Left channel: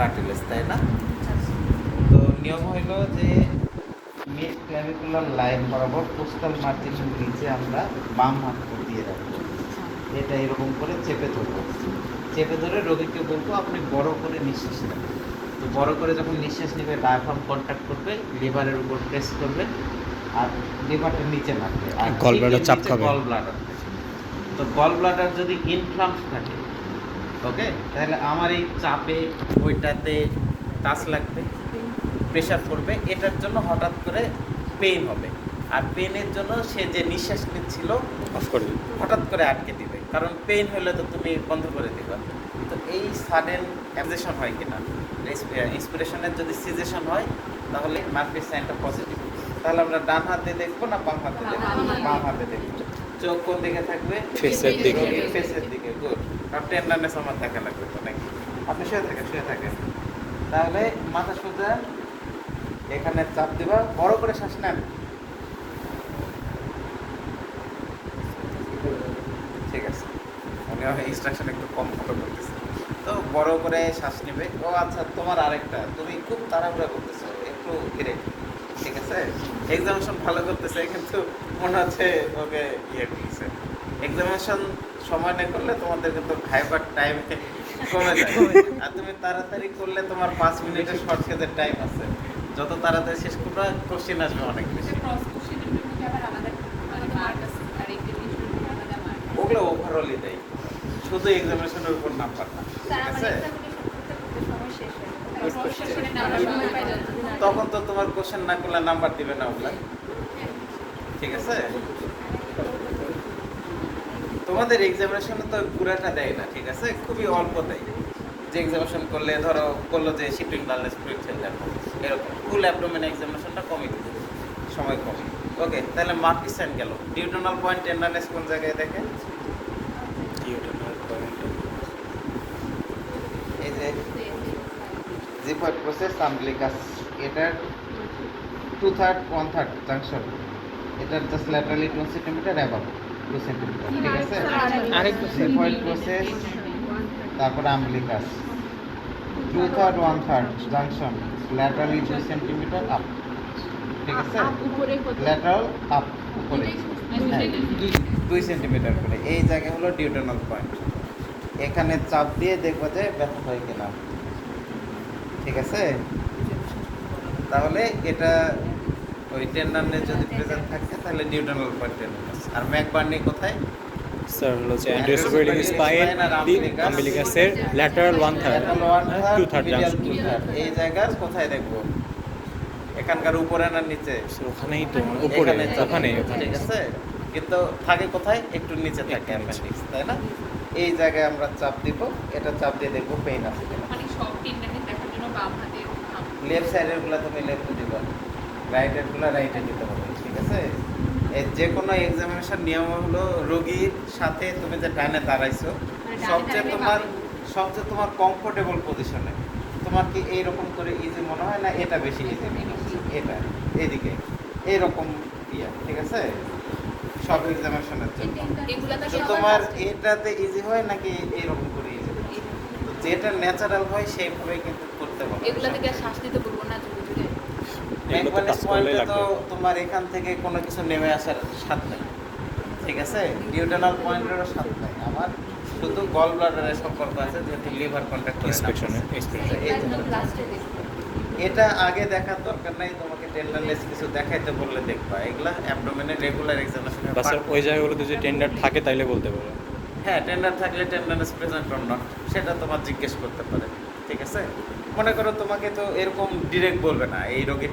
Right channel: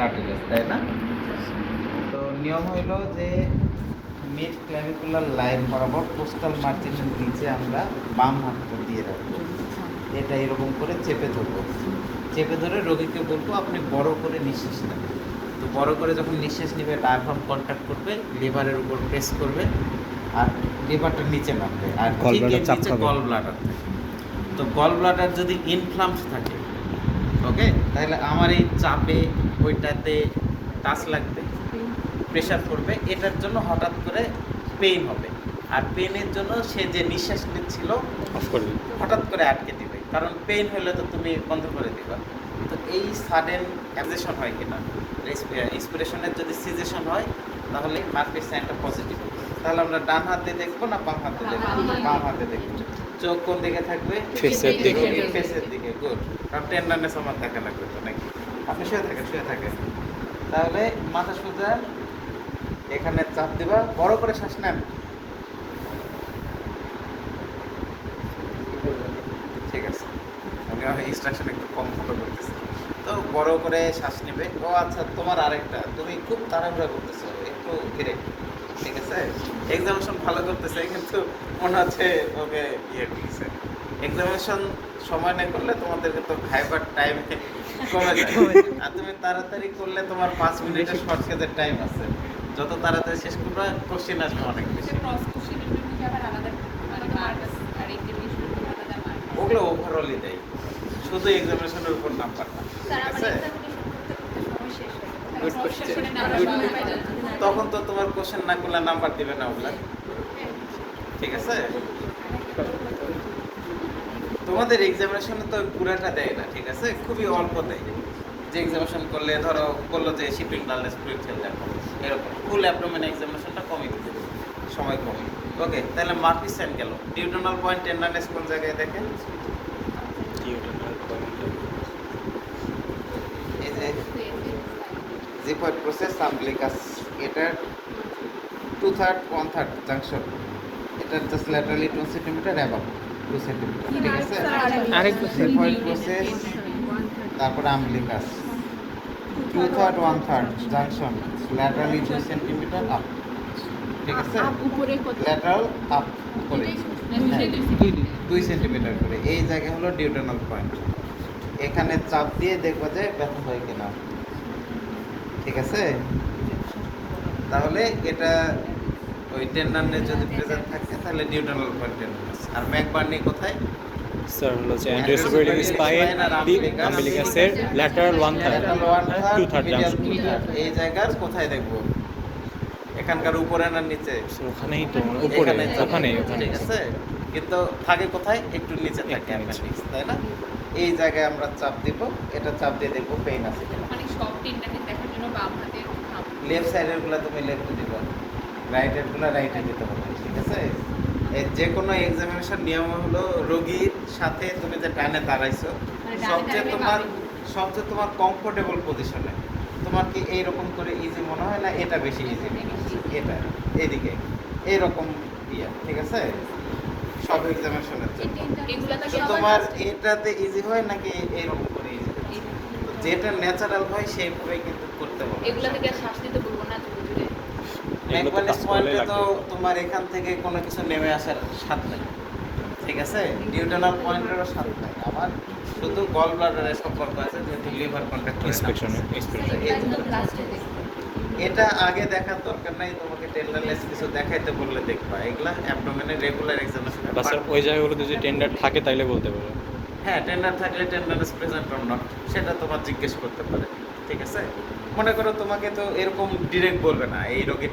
Cartilage, তাই না? তো নিয়ম হইল যে মিড ক্ল্যাভিকুলার লাইন বরাবর কোস্টাল মার্জিনের নিচে আমরা বাম হাতটা দিয়ে রাখবো। এটা এরকম করে চেপে ধরবো। চেপে ধরে রোগীকে বলবো আপনি বড় করে নিঃশ্বাস নেবেন। তো বড় করে যখন নিঃশ্বাস নেবে ডায়াফ্রাম কন্ট্যাক্ট করবে, লিভারের উপর প্রেস করবে আর লিভারটা নিচে নামবে আর গল ব্লাডার চাপ খাবে। গল ব্লাডার, তো গল ব্লাডার যদি ইনফ্লামস থাকে, ওকে, তাহলে আমার এই চাপে ওইটাতে কাজ লাগবে, প্রেশার পড়বে, এটার জন্য হঠাৎ করে পেইন হবে। আর পেইনের জন্য সে যে নিঃশ্বাস নিচ্ছিল হঠাৎ করে আটকে দিবে, কারণ পেইন হলে তো তুমি বন্ধ করে দিবে। তো এই সাডেন অ্যাবজেশন হয় কিনা, ইন্সপিরেশনের যদি সিজেশন হয় তাহলে মার্কের সাইনটা পজিটিভ। তাহলে আমরা ডান হাতে দেখবো না বাম হাতে দেখবো? বাম হাতে দেখবো। চোখ কোন দিকে থাকবে? ফেসের দিকে। ফেসের দিকে, গুড। আর টেন্ডারনেস আমার দেখা লাগবে নাকি? আপনি শুয়ে থাকেন। তাহলে মাথা সোজা, এখানে চাপ দিবা, বড় করে শ্বাস নেন। ঠিক আছে, আমি ইনস্ট্রাকশন একটু কম ফলো করতেছি। তো বড় করে শ্বাস নেবে। ও আচ্ছা, তোমার আরেকটা, তুমি খুব তাড়াহুড়া করতেছো, একটু ধীরে। ঠিক আছে, এক্সামিনেশন ভালো করতেছে কিন্তু মনে হচ্ছে ওকে ইয়ে করতেছে। এক্সামিনেশন সময় না করলে তোমাদের কিন্তু ভাইবার টাইম কমে যায়। আর তুমি তাড়াতাড়ি করলে তোমার 5 মিনিটের শর্ট কেজের টাইম আছে। যত তাড়াতাড়ি শেষ করবে কোশ্চেন আসবে অনেক বেশি। ওগুলো ওভারঅলই দেয়, শুধু এক্সামিনেশনের উপর নাম্বার না। ঠিক আছে, তখন তো তোমার কোশ্চেন না করলে নাম্বার দিবে না ওগুলা। ঠিক আছে, তোমাদের এক্সামিনেশনে তো পুরাটা দেয় না, ঠিক আছে, খুবই অল্প দেয়। যে এক্সামিনেশন করলে ধরো বললো যে শিপিং বাংলাদেশ পরীক্ষা যাবে, এরকম ফুল অ্যাবডোমেন এক্সামিনেশনটা কমই দিবে, সময় কমই। ওকে, তাহলে মার্কিস সাইন গেল। ডিউটোনাল পয়েন্ট টেন্ডারনেস কোন জায়গায় দেখেন? এই যে জিফার প্রসেস আমব্লিকাস, এটার 2/3 1/3 জাংশন, এটার just laterally 2 centimetre above 2 centimetre. ঠিক আছে, জিফার প্রসেস, তারপরে আমব্লিকাস 2/3 1/3 জাংশন, ল্যাটারালি 2 সেন্টিমিটার আপ। ঠিক আছে, ল্যাটারাল আপ উপরে 2 সেন্টিমিটার করে। এই জায়গা হলো ডিউটোনাল পয়েন্ট। এখানে চাপ দিয়ে দেখবো যে ব্যথা হয় কিনা। ঠিক আছে, তাহলে এটা ওই টেন্ডারনেস যদি প্রেজেন্ট থাকে তাহলে ডিউটোনাল পয়েন্ট। আর ম্যাকবার্নি কোথায়? স্যার হলো যে অ্যান্টিওসোপেডিক স্পাইন, আম্বিলিকাসের ল্যাটারাল 1/3 2/3 জাংশন। এই জায়গা কোথায় দেখবো? এখানকার উপরে না নিচে? ওখানেই তো, মানে উপরে, ওখানে। ঠিক আছে, কিন্তু থাকে কোথায়? একটু নিচে থাকে, তাই না? এই জায়গায় আমরা চাপ দিব, এটা চাপ দিয়ে দেখবো পেইন আছে কিনা। লেফট সাইডের গুলো তুমি লেফটে দিবা, রাইটের গুলো রাইটে দিতে হবে। ঠিক আছে, যে কোনো এক্সামিনেশন নিয়ম হলো রোগীর সাথে তুমি যে ডানে দাঁড়াইছো সবচেয়ে তোমার কমফোর্টেবল পজিশনে। তোমার কি এইরকম করে ইজি মনে হয় না এটা বেশি ইজি? এটা এদিকে এইরকম ইয়া। ঠিক আছে, সব এক্সামিনেশনের জন্য তোমার এটাতে ইজি হয় নাকি এইরকম করে ইজি? যেটা ন্যাচারাল হয় সেইভাবেই কিন্তু করতে হবে। তোমার এখান থেকে কোনো কিছু নেমে আসার সাথ নেই। ঠিক আছে, ডিউটোনাল পয়েন্টেরও সাথ নেই আমার, শুধু গল ব্লাডারের সম্পর্ক আছে, যেহেতু লিভার কন্ট্যাক্ট এটা আগে দেখার দরকার নাই। তোমাকে টেন্ডারনেস কিছু দেখাইতে বললে দেখবা, এগুলা অ্যাবডোমেনের রেগুলার এক্সামিনেশন। বা স্যার ওই জায়গাগুলোতে যদি টেন্ডার থাকে তাইলে বলতে পারো। হ্যাঁ, টেন্ডার থাকলে টেন্ডারনেস প্রেজেন্ট অর নট সেটা তোমার জিজ্ঞেস করতে পারে। ঠিক আছে, মনে করো তোমাকে তো এরকম ডিরেক্ট বলবে না এই রোগীর